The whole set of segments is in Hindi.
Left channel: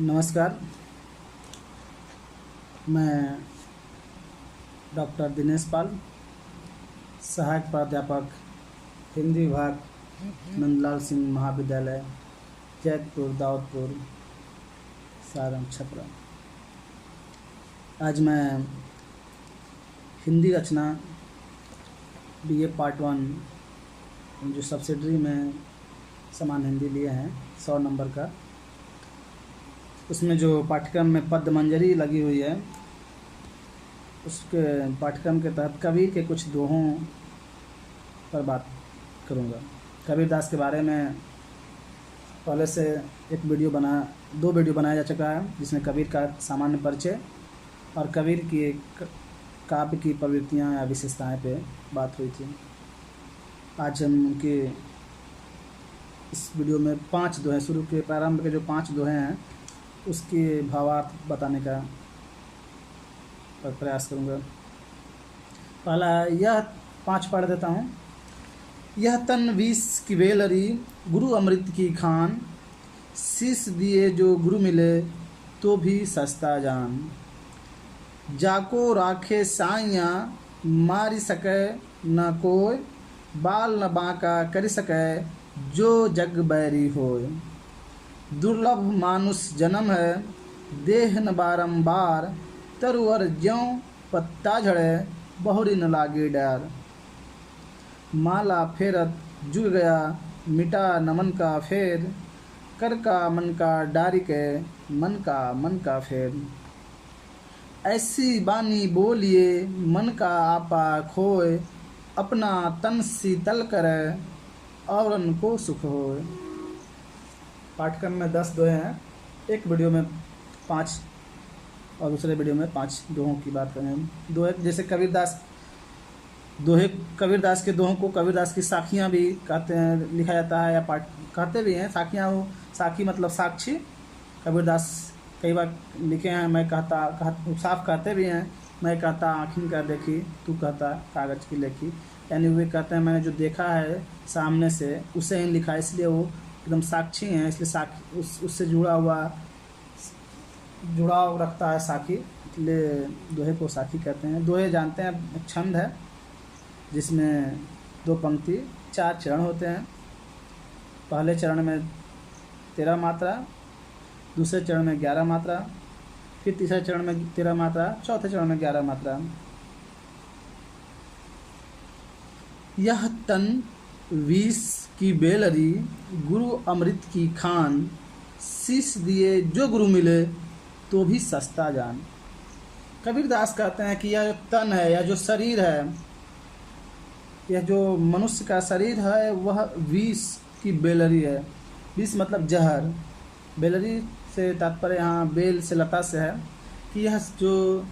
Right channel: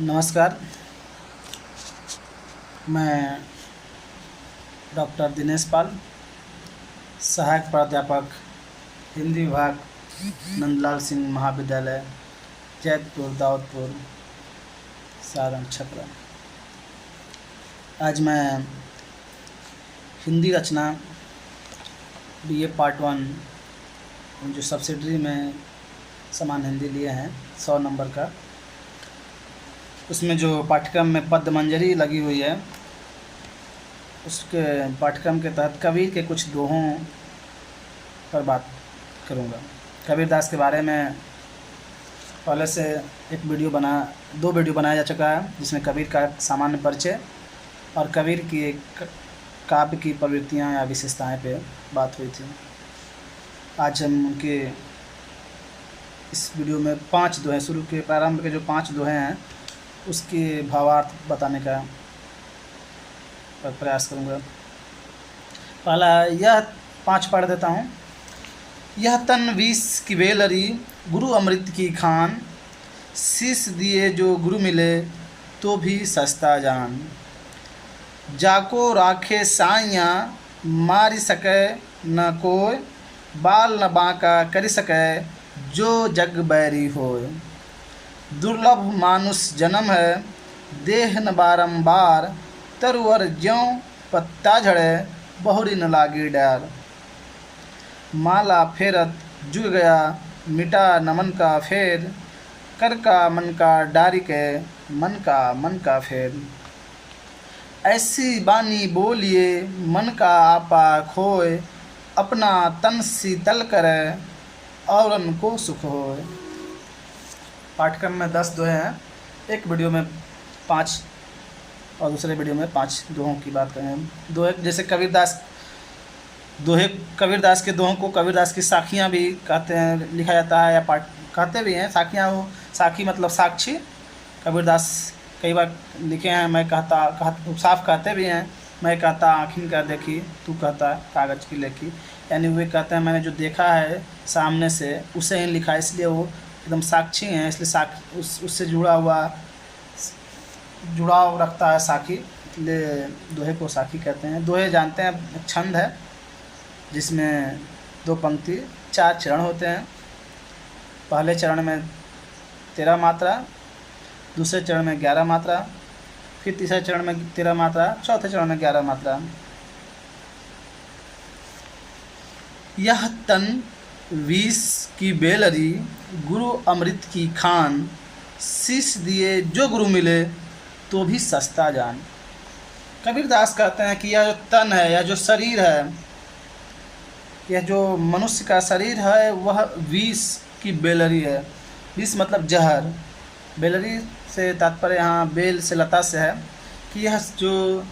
नमस्कार। मैं डॉक्टर दिनेश पाल, सहायक प्राध्यापक हिंदी विभाग, नंदलाल सिंह महाविद्यालय, जैतपुर, दाऊदपुर, सारण, छपरा। आज मैं हिंदी रचना बीए पार्ट 1 जो सब्सिडरी में समान हिंदी लिए हैं 100 नंबर का, उसमें जो पाठ्यक्रम में पद्यमंजरी लगी हुई है, उसके पाठ्यक्रम के तहत कबीर के कुछ दोहों पर बात करूंगा। कबीरदास के बारे में पहले से दो वीडियो बनाया जा चुका है, जिसमें कबीर का सामान्य परिचय और कबीर की एक काव्य की प्रवृत्तियाँ या विशेषताएं पे बात हुई थी। आज हम उनके इस वीडियो में 5 दोहे, शुरू के प्रारंभ के जो 5 दोहे हैं उसके भावार्थ बताने का प्रयास करूँगा। पहला यह 5 पढ़ देता हूँ। यह तन विष की बेलरी, गुरु अमृत की खान, शीश दिए जो गुरु मिले तो भी सस्ता जान। जाको राखे साइयाँ, मारी सके न कोय, बाल न बांका करी सके जो जग बैरी होय। दुर्लभ मानुष जन्म है, देह न बारंबार, तरुअर ज्यों पत्ता झड़े, बहुरी न लागे डार। माला फेरत जुग गया, मिटा नमन का फेर, कर का मन का डारी के, मन का फेर। ऐसी बानी बोलिए, मन का आपा खोए, अपना तन शीतल करे, औरन को सुख होए। पाठ्यक्रम में 10 दोहे हैं, एक वीडियो में 5 और दूसरे वीडियो में 5 दोहों की बात करेंगे। दोहे जैसे कबीरदास के दोहों को कबीरदास की साखियाँ भी कहते हैं, लिखा जाता है या कहते भी हैं। साखियाँ, वो साखी मतलब साक्षी। कबीरदास कई बार लिखे हैं, मैं कहता साफ कहते भी हैं, मैं कहता आँखिन का देखी, तू कहता कागज़ की लेखी। यानी वे कहते हैं मैंने जो देखा है सामने से उसे ही लिखा, इसलिए वो एकदम साक्षी हैं, इसलिए उससे जुड़ाव रखता है साखी, इसलिए दोहे को साखी कहते हैं। दोहे जानते हैं, एक छंद है जिसमें 2 पंक्ति 4 चरण होते हैं। पहले चरण में 13 मात्रा, दूसरे चरण में 11 मात्रा, फिर तीसरे चरण में 13 मात्रा, चौथे चरण में 11 मात्रा। यह तन विष की बेलरी, गुरु अमृत की खान, शीश दिए जो गुरु मिले तो भी सस्ता जान। कबीरदास कहते हैं कि यह जो तन है, यह जो शरीर है, यह जो मनुष्य का शरीर है, वह विष की बेलरी है। विष मतलब जहर। बेलरी से तात्पर्य यहाँ बेल से लता से है कि यह जो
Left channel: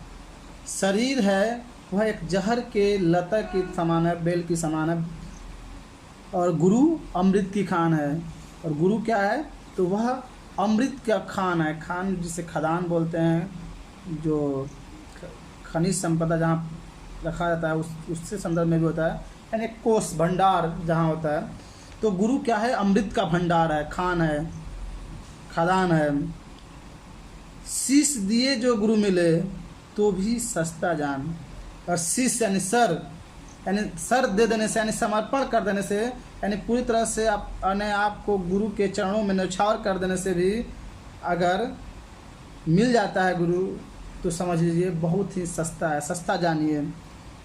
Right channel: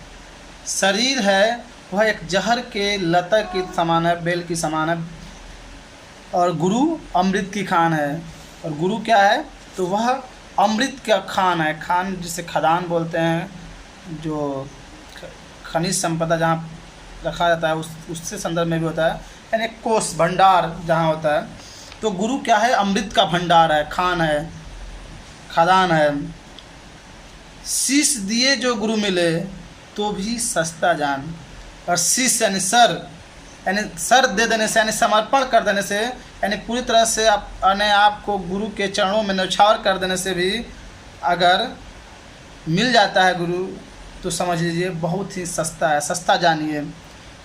शरीर है वह एक जहर के लता के समान है, बेल की समान है। और गुरु अमृत की खान है। और गुरु क्या है? तो वह अमृत का खान है। खान जिसे खदान बोलते हैं, जो खनिज संपदा जहाँ रखा जाता है उससे संदर्भ में भी होता है, यानी कोष भंडार जहाँ होता है। तो गुरु क्या है? अमृत का भंडार है, खान है, खदान है। शीश दिए जो गुरु मिले तो भी सस्ता जान। और शीश यानी सर दे देने से, यानी समर्पण कर देने से, यानी पूरी तरह से अपने आप को गुरु के चरणों में न्यौछावर कर देने से भी अगर मिल जाता है गुरु, तो समझ लीजिए बहुत ही सस्ता है। सस्ता जानिए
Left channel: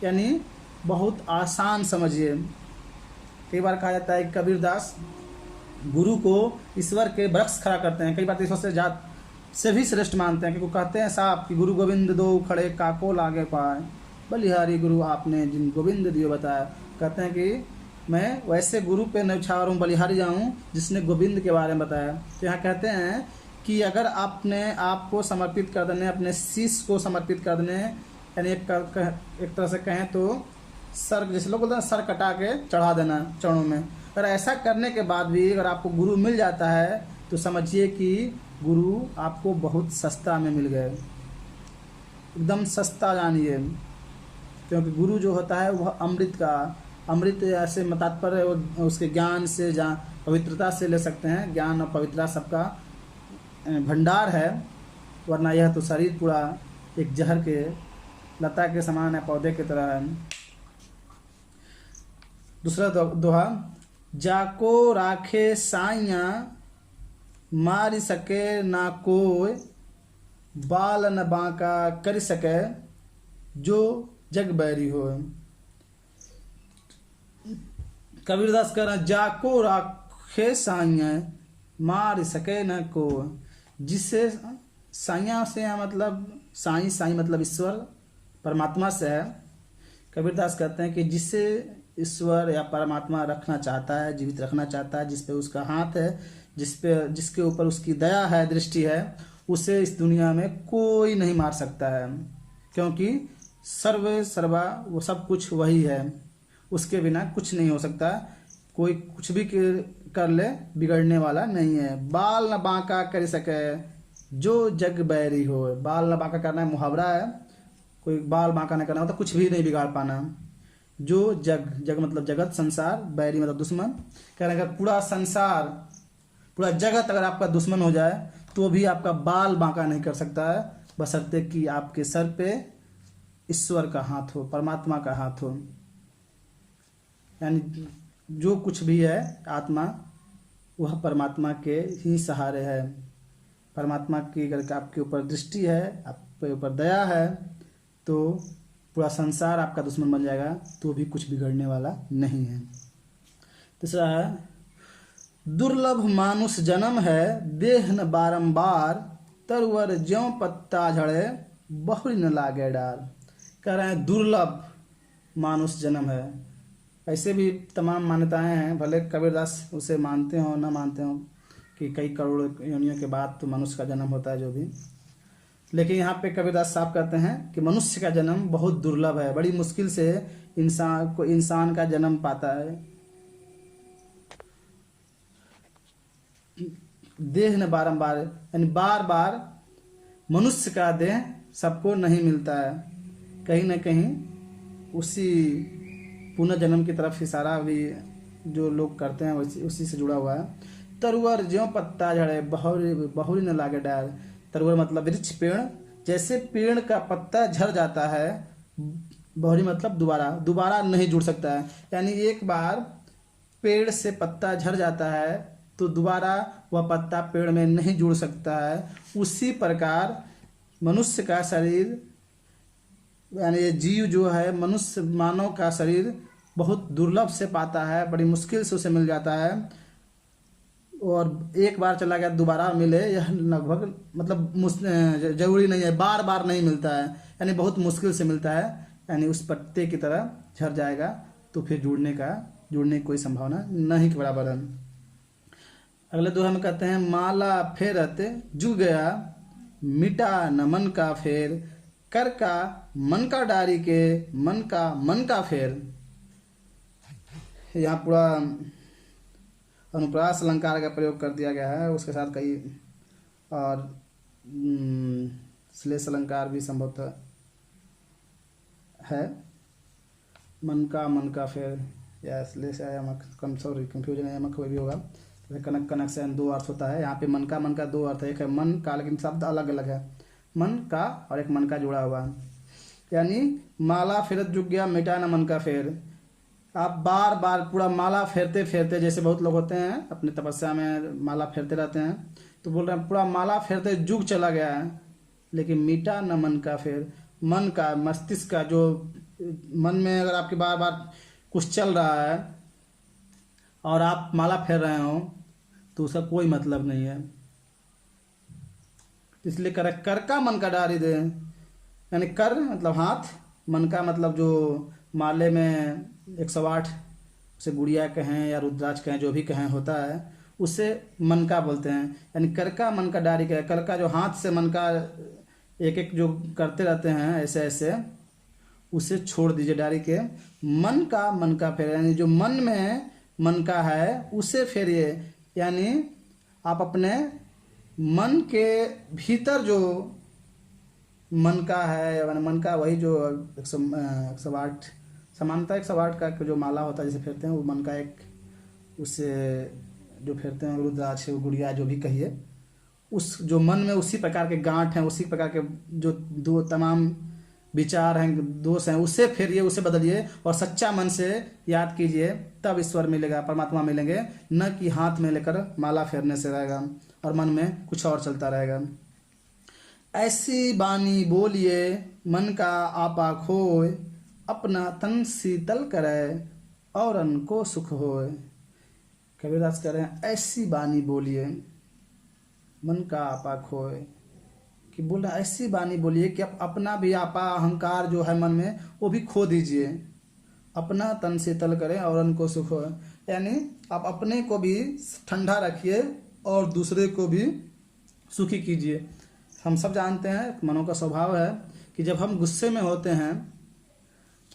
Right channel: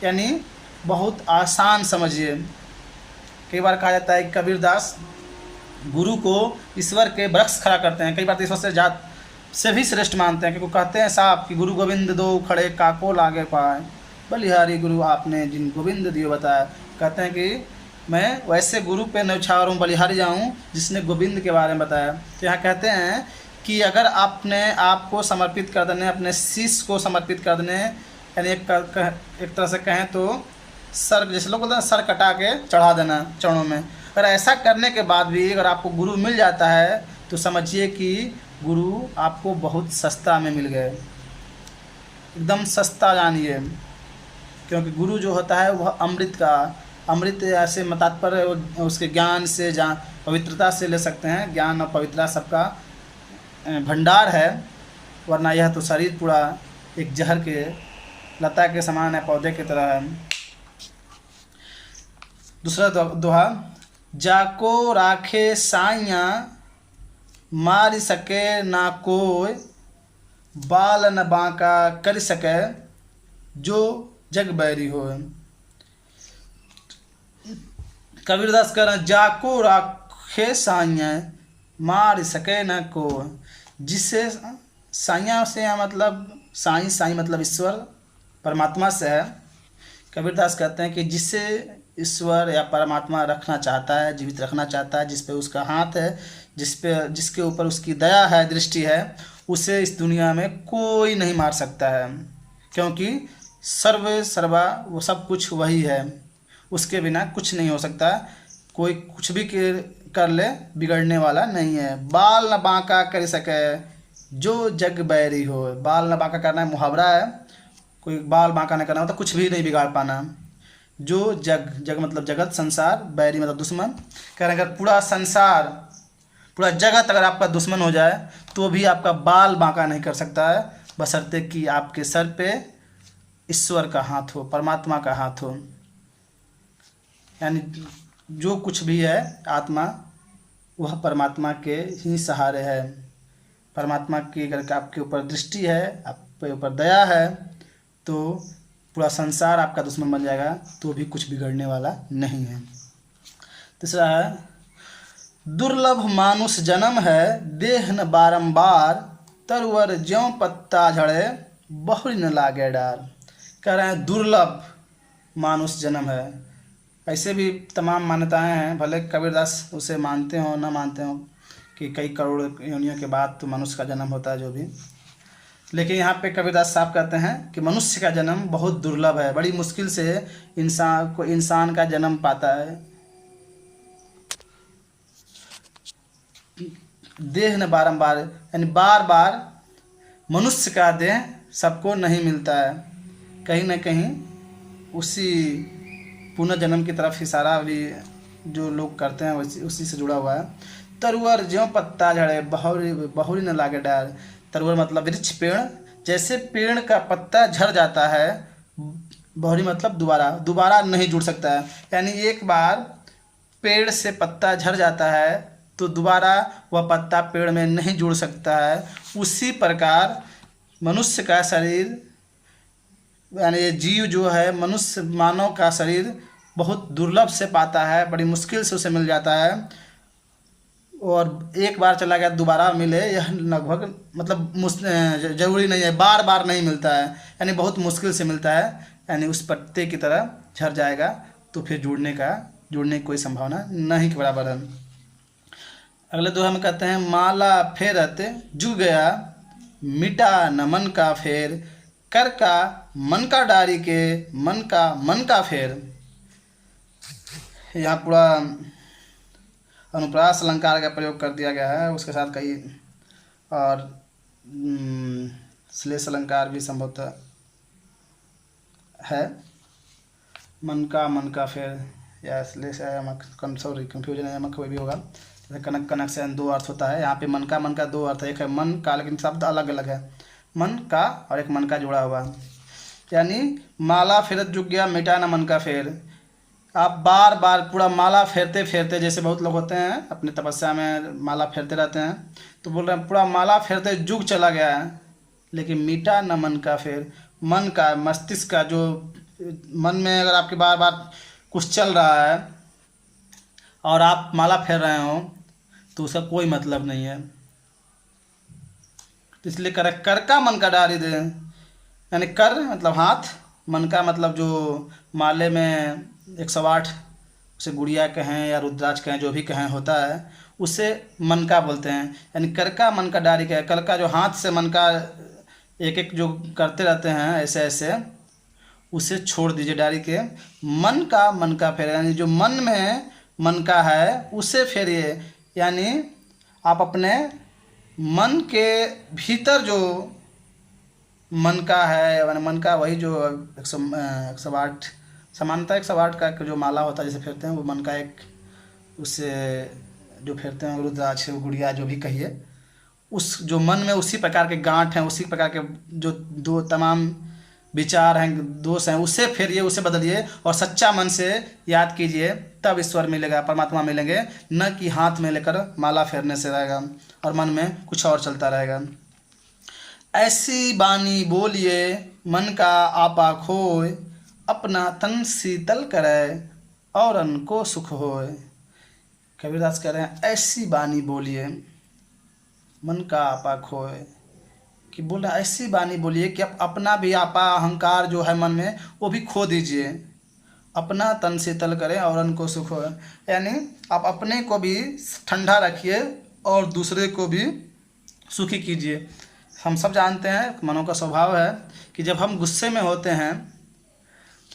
यानी बहुत आसान समझिए। कई बार कहा जाता है कि कबीरदास गुरु को ईश्वर के वृक्ष खड़ा करते हैं, कई बार तो ईश्वर से भी श्रेष्ठ मानते हैं, क्योंकि कहते हैं साहब कि गुरु गोविंद दो खड़े काको लागे पाए, बलिहारी गुरु आपने जिन गोविंद दियो बताया। कहते हैं कि मैं वैसे गुरु पे न्यौछावर हूँ, बलिहारी जाऊँ जिसने गोविंद के बारे में बताया। तो यहाँ कहते हैं कि अगर आपने आपको समर्पित कर देने, अपने शीश को समर्पित कर देने, यानी एक तरह से कहें तो सर, जैसे लोग बोलते हैं सर कटा के चढ़ा देना चरणों में, अगर ऐसा करने के बाद भी अगर आपको गुरु मिल जाता है तो समझिए कि गुरु आपको बहुत सस्ता में मिल गए, एकदम सस्ता जानिए। क्योंकि गुरु जो होता है वह अमृत ऐसे तात्पर्य उसके ज्ञान से, पवित्रता से ले सकते हैं। ज्ञान और पवित्रता सबका भंडार है, वरना यह तो शरीर पूरा एक जहर के लता के समान है, पौधे की तरह है। दूसरा दोहा, जाको राखे साइया मार सके ना कोई, बाल न बांका कर सके जो जग बैरी हो। कबीरदास कह रहे हैं, जाको राखे साइया मार सके न कोई, जिससे साइया से मतलब साई मतलब ईश्वर परमात्मा से है। कबीरदास कहते हैं कि जिससे ईश्वर या परमात्मा रखना चाहता है, जीवित रखना चाहता है, जिस पे उसका हाथ है, जिसके ऊपर उसकी दया है, दृष्टि है, उसे इस दुनिया में कोई नहीं मार सकता है, क्योंकि सर्वे सर्वा वो सब कुछ वही है, उसके बिना कुछ नहीं हो सकता। कोई कुछ भी कर ले बिगड़ने वाला नहीं है। बाल न बांका कर सके जो जग बैरी हो। बाल न बांका करना है मुहावरा है, कोई बाल बांका नहीं करना मतलब कुछ भी नहीं बिगाड़ पाना। जो जग मतलब जगत, संसार, बैरी मतलब दुश्मन। कह रहे हैं अगर पूरा संसार, पूरा जगत अगर आपका दुश्मन हो जाए तो भी आपका बाल बांका नहीं कर सकता है, बशर्ते कि आपके सर पे ईश्वर का हाथ हो, परमात्मा का हाथ हो। यानी जो कुछ भी है आत्मा, वह परमात्मा के ही सहारे है। परमात्मा की अगर आपके ऊपर दृष्टि है, आपके ऊपर दया है, तो पूरा संसार आपका दुश्मन बन जाएगा तो भी कुछ बिगड़ने वाला नहीं है। तीसरा है, दुर्लभ मानुष जन्म है देह न बारंबार, तरवर ज्यों पत्ता झड़े बहुरी न लागे डार। कह रहे हैं दुर्लभ मानुष जन्म है। ऐसे भी तमाम मान्यताएं हैं, भले कबीरदास उसे मानते हो न मानते हो कि कई करोड़ योनियों के बाद तो मनुष्य का जन्म होता है, जो भी, लेकिन यहाँ पे कबीरदास साहब कहते हैं कि मनुष्य का जन्म बहुत दुर्लभ है, बड़ी मुश्किल से इंसान का जन्म पाता है। देह न बारंबार, यानी बार बार मनुष्य का देह सबको नहीं मिलता है, कहीं ना कहीं उसी पुनर्जन्म की तरफ इशारा भी जो लोग करते हैं उसी से जुड़ा हुआ है। तरुवर ज्यों पत्ता झड़े बहुरी न लागे डार। तरुवर मतलब वृक्ष, पेड़, जैसे पेड़ का पत्ता झड़ जाता है, बहुरी मतलब दोबारा नहीं जुड़ सकता है। यानी एक बार पेड़ से पत्ता झड़ जाता है तो दोबारा वह पत्ता पेड़ में नहीं जुड़ सकता है। उसी प्रकार मनुष्य का शरीर, यानी ये जीव जो है, मनुष्य मानव का शरीर बहुत दुर्लभ से पाता है, बड़ी मुश्किल से उसे मिल जाता है, और एक बार चला गया दोबारा मिले यह लगभग मतलब जरूरी नहीं है, बार बार नहीं मिलता है, यानी बहुत मुश्किल से मिलता है। यानी उस पत्ते की तरह झड़ जाएगा तो फिर जुड़ने की कोई संभावना नहीं के बराबर है। अगले दोहा में कहते हैं, माला फेरत जू गया मिटा न मन का फेर, कर का मन का डारी के मन का फेर। यहाँ पूरा अनुप्रास अलंकार का प्रयोग कर दिया गया है, उसके साथ कई और श्लेष अलंकार भी संभवतः है। मन का फेर या श्लेष है, सॉरी कंफ्यूजन है, यमक कोई भी होगा। जैसे कनक से दो अर्थ होता है, यहाँ पे मन का दो अर्थ है, एक है मन का, लेकिन शब्द अलग अलग है, मन का और एक मन का जुड़ा हुआ। यानी माला फेरत जुग गया मिटा न मन का फेर। आप बार बार पूरा माला फेरते फेरते, जैसे बहुत लोग होते हैं अपनी तपस्या में माला फेरते रहते हैं, तो बोल रहे हैं पूरा माला फेरते जुग चला गया है, लेकिन मीटा न मन का फेर। मन का, मस्तिष्क का, जो मन में अगर आपके बार बार कुछ चल रहा है और आप माला फेर रहे हो तो उसका कोई मतलब नहीं है। इसलिए कर का मन का डारी दे, यानी कर मतलब हाथ, मन का मतलब जो माले में 108 उसे गुड़िया कहें या रुद्राक्ष कहें, जो भी कहें होता है, उसे मन का बोलते हैं। यानी कर का मन का डारी का, कर का जो हाथ से मन का एक एक जो करते रहते हैं ऐसे ऐसे, उसे छोड़ दीजिए डारी के। मन का फेर, यानी जो मन में मन का है उसे फेरिए। यानी आप अपने मन के भीतर जो मन का है, यानी मन का वही जो 108 समानता 108 का जो माला होता है जैसे फेरते हैं, वो मन का एक उससे जो फेरते हैं रुद्राक्ष गुड़िया जो भी कहिए, उस जो मन में उसी प्रकार के गांठ हैं, उसी प्रकार के जो दो तमाम विचार हैं, दोष हैं, उसे फेरिए, उसे बदलिए और सच्चा मन से याद कीजिए, तब ईश्वर मिलेगा, परमात्मा मिलेंगे। न कि हाथ में लेकर माला फेरने से रहेगा और मन में कुछ और चलता रहेगा। ऐसी बानी बोलिए मन का आपा खोए, अपना तन शीतल करे और अनको सुख होए। कबीरदास कह रहे हैं ऐसी बानी बोलिए मन का आपा खोए, कि बोल रहे ऐसी बानी बोलिए कि आप अपना भी आपा अहंकार जो है मन में वो भी खो दीजिए, अपना तन शीतल करें और उनको सुख हो। यानी आप अपने को भी ठंडा रखिए और दूसरे को भी सुखी कीजिए। हम सब जानते हैं मनों का स्वभाव है कि जब हम गुस्से में होते हैं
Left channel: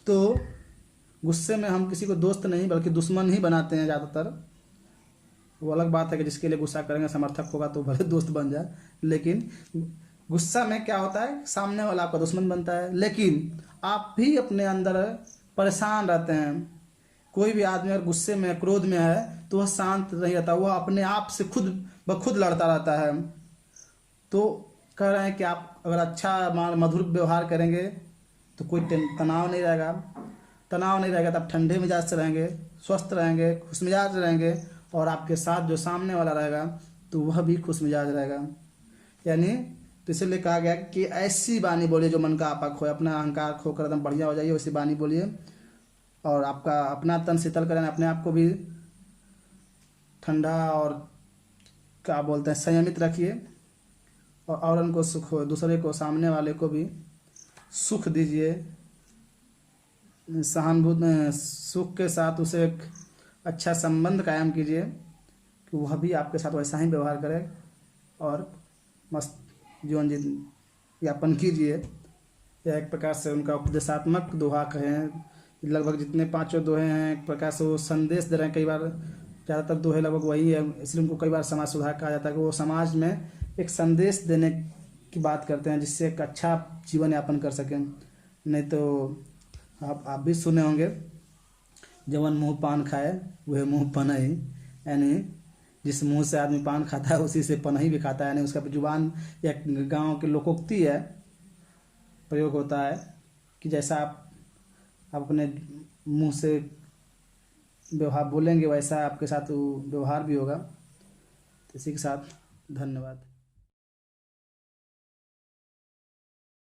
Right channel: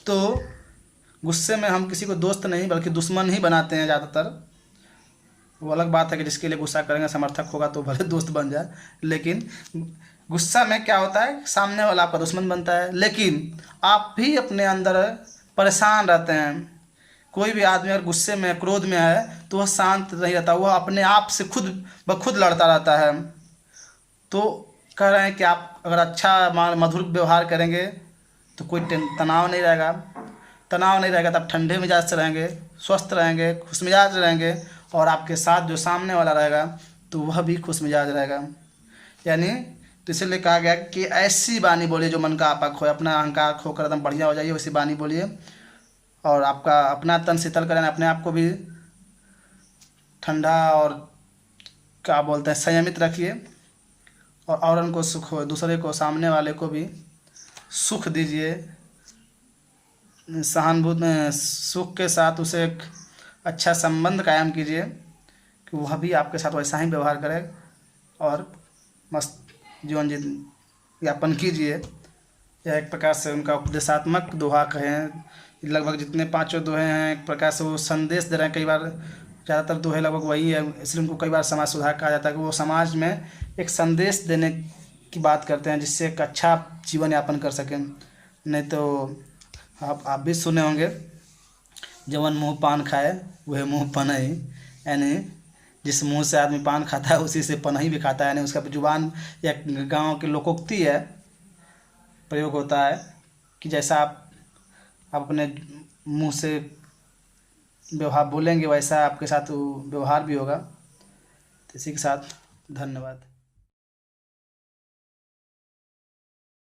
तो गुस्से में हम किसी को दोस्त नहीं बल्कि दुश्मन ही बनाते हैं ज़्यादातर। वो अलग बात है कि जिसके लिए गुस्सा करेंगे समर्थक होगा तो भले दोस्त बन जाए, लेकिन गुस्सा में क्या होता है सामने वाला आपका दुश्मन बनता है। लेकिन आप भी अपने अंदर परेशान रहते हैं। कोई भी आदमी अगर गुस्से में क्रोध में है तो वह शांत नहीं रहता, वह अपने आप से खुद ब खुद लड़ता रहता है। तो कह रहे हैं कि आप अगर अच्छा मधुर व्यवहार करेंगे तो कोई तनाव नहीं रहेगा। तनाव नहीं रहेगा तो आप ठंडे मिजाज से रहेंगे, स्वस्थ रहेंगे, खुश मिजाज रहेंगे और आपके साथ जो सामने वाला रहेगा तो वह भी खुश मिजाज रहेगा। यानी तो इसलिए कहा गया कि ऐसी बानी बोलिए जो मन का आपा खोए, अपना अहंकार खोकर एकदम बढ़िया हो जाइए, वैसी बानी बोलिए और आपका अपना तन शीतल करें, अपने आप को भी ठंडा और क्या बोलते हैं संयमित रखिए और उनको सुख हो, दूसरे को सामने वाले को भी सुख दीजिए। सहानुभूति सुख के साथ उसे एक अच्छा संबंध कायम कीजिए कि वह भी आपके साथ वैसा ही व्यवहार करे और मस्त जीवन यापन कीजिए। यह एक प्रकार से उनका उपदेशात्मक दोहा कहें। लगभग जितने पांचों दोहे हैं एक प्रकार से वो संदेश दे रहे हैं। कई बार ज़्यादातर दोहे लगभग वही है, इसलिए उनको कई बार समाज सुधार कहा जाता है कि वो समाज में एक संदेश देने की बात करते हैं जिससे एक अच्छा जीवन यापन कर सकें। नहीं तो आप भी सुने होंगे, जवन मुँह पान खाए वह मुँह पनई, यानी जिस मुंह से आदमी पान खाता है उसी से पनही भी खाता है। यानी उसका जुबान या गांव की लोकोक्ति है, प्रयोग होता है कि जैसा आप अपने मुंह से व्यवहार बोलेंगे वैसा आपके साथ व्यवहार भी होगा। तो इसी के साथ धन्यवाद।